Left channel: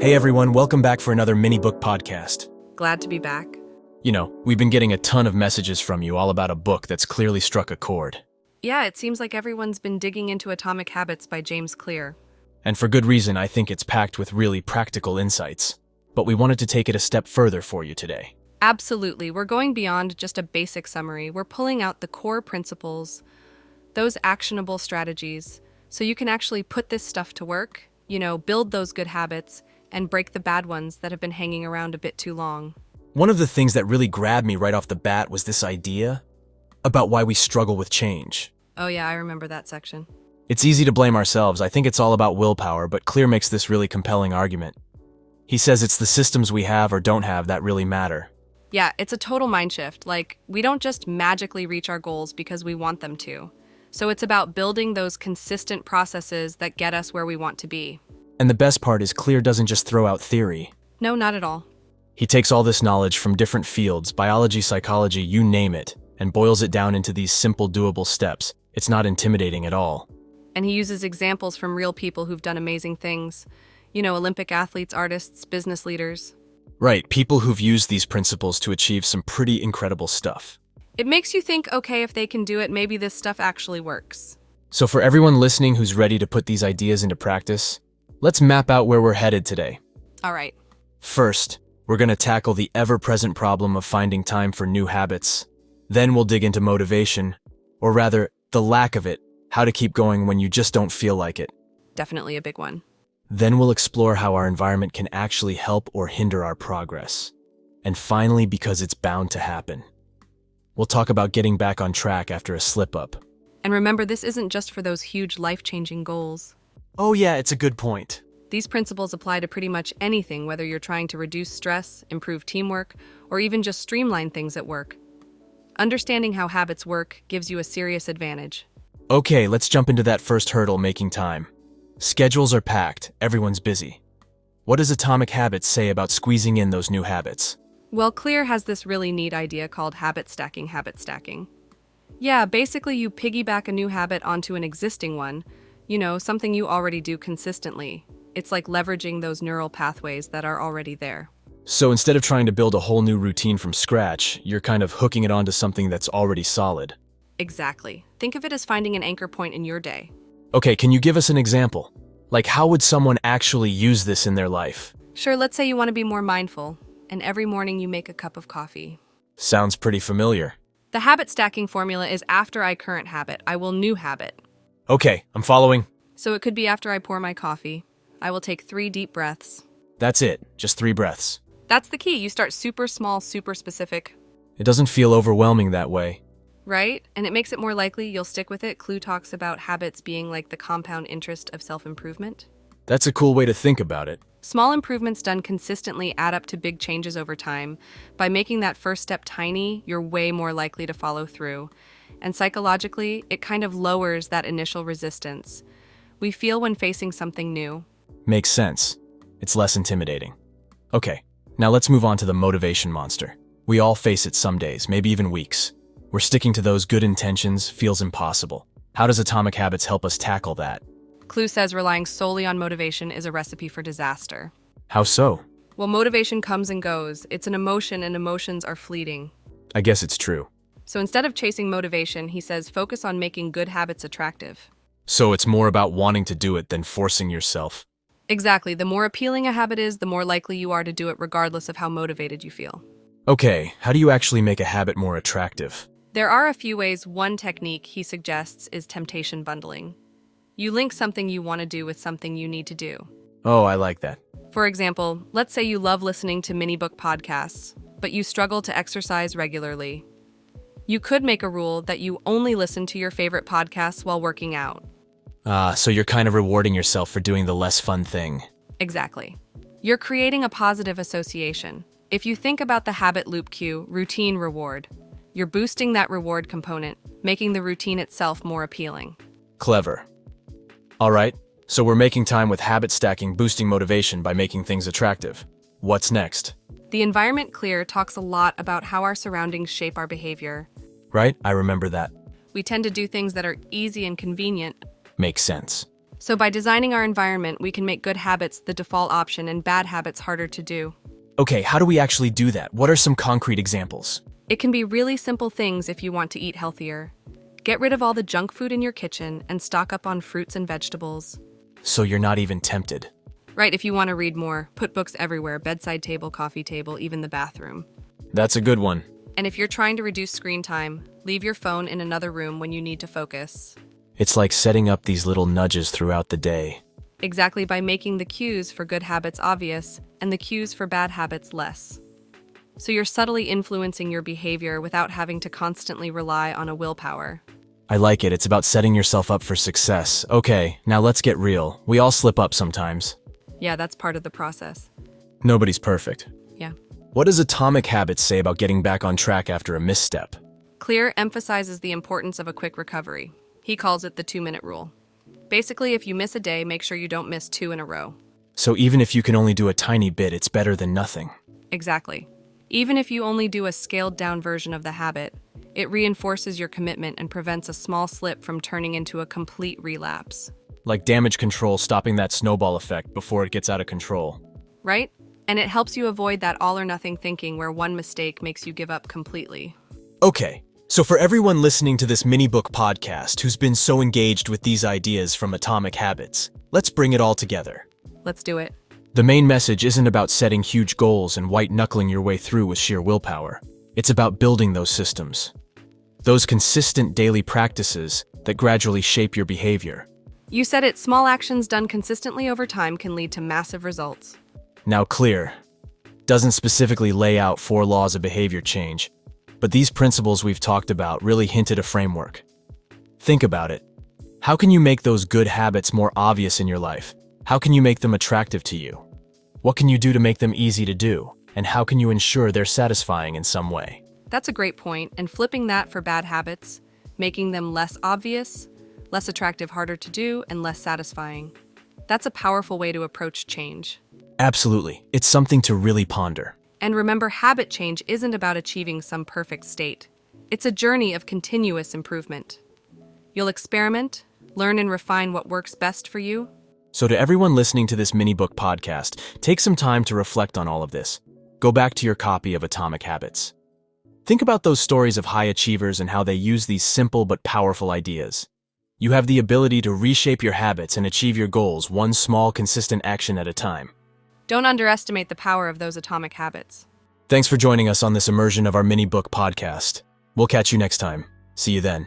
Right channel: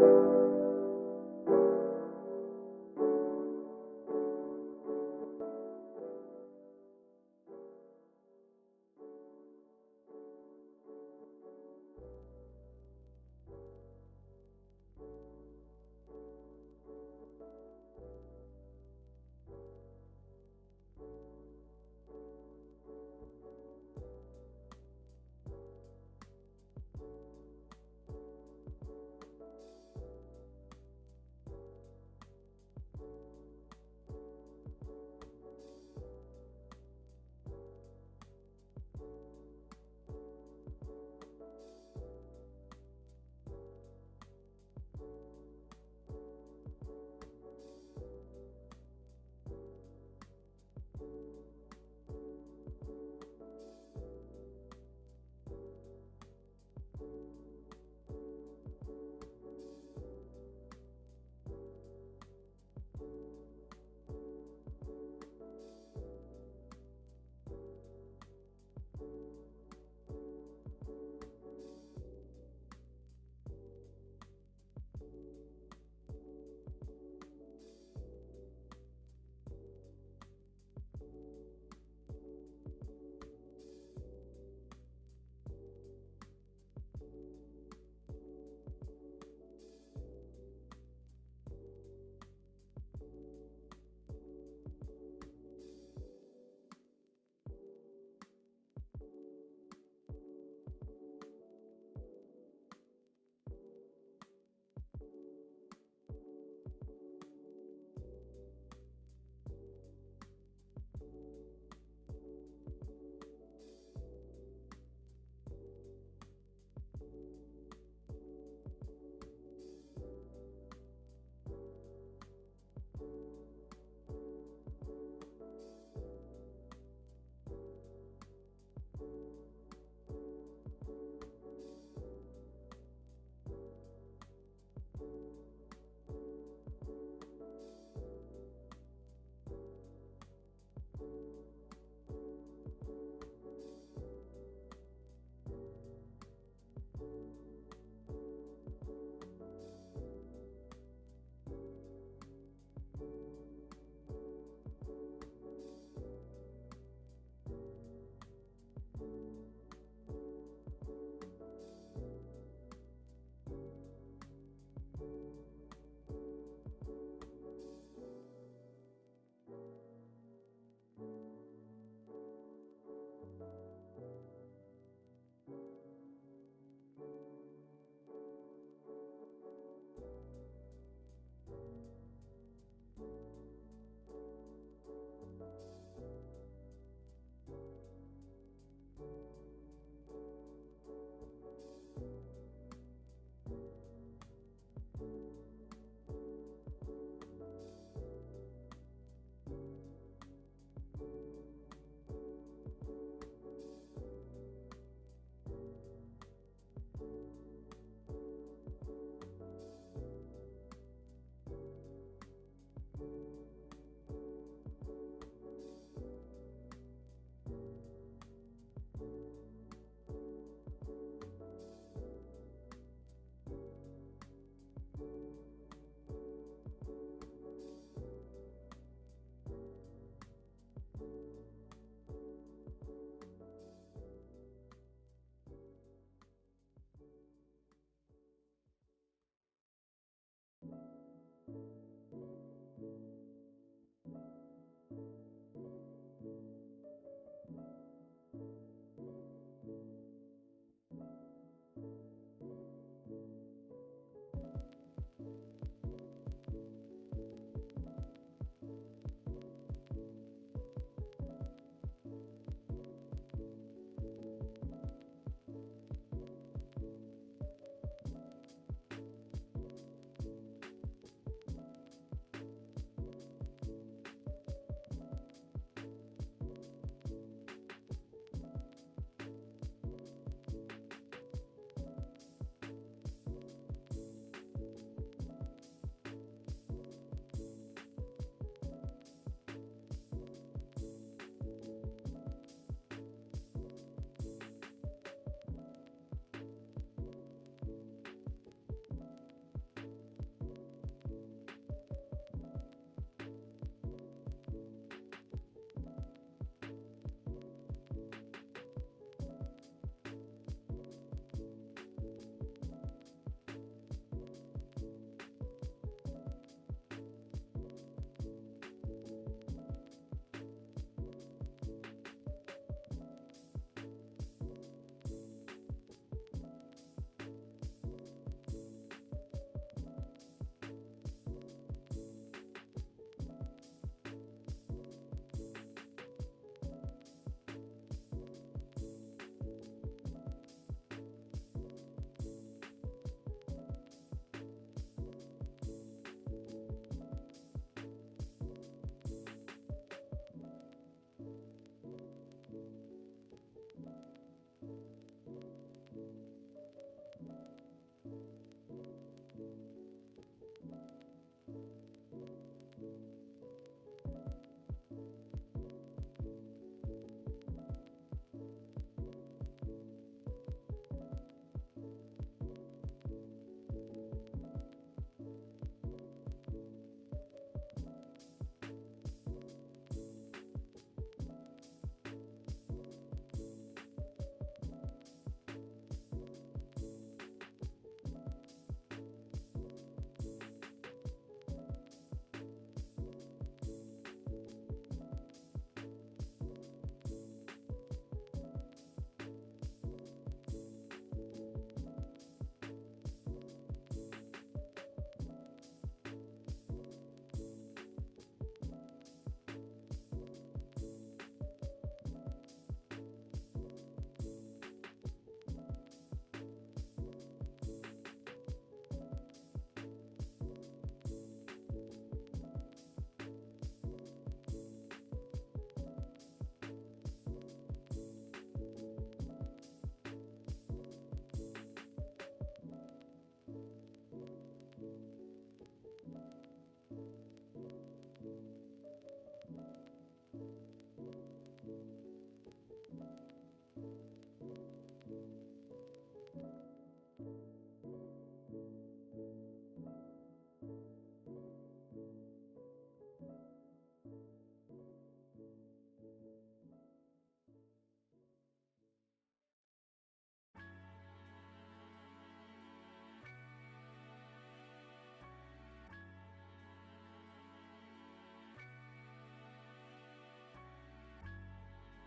Hey everyone, welcome back for another mini book podcast. Glad to be back. We've been getting a ton of messages from you all about a book that's clearly struck a chord. Yeah, it seems like everyone's been digging into Atomic Habits by James Clear. And for good reason, I think it's packed with really practical insights. But we wanted to take it a step further for you today. Absolutely, we're going beyond just a basic summary. We're pulling out the core principles, those actionable strategies, so you can actually put this stuff to work, build those good habits, and break the bad ones that have been hanging around a bit too long. One of the things that really grabbed me right off the bat was this idea about why we struggle with change. Oh yeah, I remember that section. It's easy to blame ourselves. I think it's all about willpower, but Clear makes this really compelling argument. He says it's the systems we have or don't have that really matter. Yeah, it's a total mind shift. We don't just magically reach our goals because we want them to. So it's about building those consistent processes that get us where we want to be. And the best part is Clear doesn't just throw out theory. No, not at all. He takes all this knowledge from different fields, biology, psychology, you name it, and boils it down into these simple, doable steps. It's not intimidating at all. And he uses examples from real people who've done amazing things. Olympic athletes, artists, business leaders. Right, people who've used these principles to achieve some pretty incredible stuff. It makes you think, okay, if they can do it, maybe this stuff actually works. So for everyone listening who's ready to put these ideas into practice, let's map out where we're headed today. All right. First, we're going to tackle the ever-present problem of finding time for new habits. Then we'll dig into motivation, or rather, the lack of it, how to keep going when you just don't feel like it. Definitely a big one. Then we'll explore how our environment can actually help or hinder our progress. And finally, because it's bound to happen, we'll talk about getting back on track after a slip-up. And remember, this isn't just for those huge life-changing goals. Oh yeah, it's a good point. These principles apply to pretty much anything, whether you're trying to reduce stress, improve teamwork, or even just streamline things at work. Understanding how habits work gives you a serious advantage. Okay, let's jump into that first hurdle, making time. Schedules are packed, everyone's busy. What does Atomic Habits say about squeezing in those new habits? Well, Clear has this really neat idea called habit stacking. Yeah, basically you piggyback a new habit onto an existing one, something you already do consistently. It's like leveraging those neural pathways that are already there. So instead of trying to build a whole new routine from scratch, you're kind of hooking it onto something that's already solid. Exactly. Think of it as finding an anchor point in your day. Okay, can you give us an example? Like, how would someone actually use this in their life? Sure, let's say you want to be more mindful, and every morning you make a cup of coffee. Sounds pretty familiar. The habit stacking formula is after I current habit, I will new habit. Okay, I'm following. So it could be after I pour my coffee, I will take 3 deep breaths. That's it, just 3 breaths. That's the key. You start super small, super specific. It doesn't feel overwhelming that way. Right? And it makes it more likely you'll stick with it. Clue talks about habits being like the compound interest of self-improvement. That's a cool way to think about it. Small improvements done consistently add up to big changes over time. By making that first step tiny, you're way more likely to follow through. And psychologically, it kind of lowers that initial resistance we feel when facing something new. Makes sense. It's less intimidating. Okay, now let's move on to the motivation monster. We all face it some days, maybe even weeks. Where sticking to those good intentions feels impossible. How does Atomic Habits help us tackle that? Clue says relying solely on motivation is a recipe for disaster. How so? Well, motivation comes and goes. It's an emotion, and emotions are fleeting. I guess it's true. So instead of chasing motivation, he says focus on making good habits attractive. So it's more about wanting to do it than forcing yourself. Exactly. The more appealing a habit is, the more likely you are to do it regardless of how motivated you feel. Okay, how do you actually make a habit more attractive? There are a few ways. One technique he suggests is temptation bundling. You link something you want to do with something you need to do. Oh, I like that. For example, let's say you love listening to mini book podcasts, but you struggle to exercise regularly. You could make a rule that you only listen to your favorite podcasts while working out. So you're kind of rewarding yourself for doing the less fun thing. Exactly. You're creating a positive association. If you think about the habit loop cue, routine reward, you're boosting that reward component, making the routine itself more appealing. Clever. All right, so we're making time with habit stacking, boosting motivation by making things attractive. What's next? The environment Clear talks a lot about how our surroundings shape our behavior. Right? I remember that. We tend to do things that are easy and convenient. Makes sense. So by designing our environment, we can make good habits the default option and bad habits harder to do. Okay, how do we actually do that? What are some concrete examples? It can be really simple things if you want to eat healthier. Get rid of all the junk food in your kitchen and stock up on fruits and vegetables. So you're not even tempted. Right, if you want to read more, put books everywhere, bedside table, coffee table, even the bathroom. That's a good one. And if you're trying to reduce screen time, leave your phone in another room when you need to focus. It's like setting up these little nudges throughout the day. Exactly, by making the cues for good habits obvious and the cues for bad habits less. So you're subtly influencing your behavior without having to constantly rely on a willpower. I like it. It's about setting yourself up for success. Okay, now let's get real. We all slip up sometimes. Yeah, that's part of the process. Nobody's perfect. Yeah. What does Atomic Habits say about getting back on track after a misstep? Clear emphasizes the importance of a quick recovery. He calls it the 2-minute rule. Basically, if you miss a day, make sure you don't miss 2 in a row. So even if you can only do a tiny bit, it's better than nothing. Exactly. Even if you only do a scaled-down version of the habit, it reinforces your commitment and prevents a small slip from turning into a complete relapse. Like damage control, stopping that snowball effect before it gets out of control. Right? And it helps you avoid that all-or-nothing thinking where one mistake makes you give up completely. Okay, so for everyone listening to this mini-book podcast who's been so engaged with these ideas from Atomic Habits, let's bring it all together. Let's do it. The main message isn't about setting huge goals and white-knuckling your way through with sheer willpower. It's about building those systems. Those consistent daily practices that gradually shape your behavior. You said it, small actions done consistently over time can lead to massive results. Now clear doesn't specifically lay out 4 laws of behavior change, but these principles we've talked about really hint at a framework. Think about it. How can you make those good habits more obvious in your life? How can you make them attractive to you? What can you do to make them easy to do? And how can you ensure they're satisfying in some way? That's a great point, and flipping that for bad habits, making them less obvious, less attractive, harder to do, and less satisfying. That's a powerful way to approach change. Absolutely. It's something to really ponder. And remember, habit change isn't about achieving some perfect state. It's a journey of continuous improvement. You'll experiment, learn and refine what works best for you. So to everyone listening to this mini-book podcast, take some time to reflect on all of this. Go back to your copy of Atomic Habits. Think about those stories of high achievers and how they use these simple but powerful ideas. You have the ability to reshape your habits and achieve your goals one small, consistent action at a time. Don't underestimate the power of those atomic habits. Thanks for joining us on this immersion of our mini-book podcast. We'll catch you next time. See you then.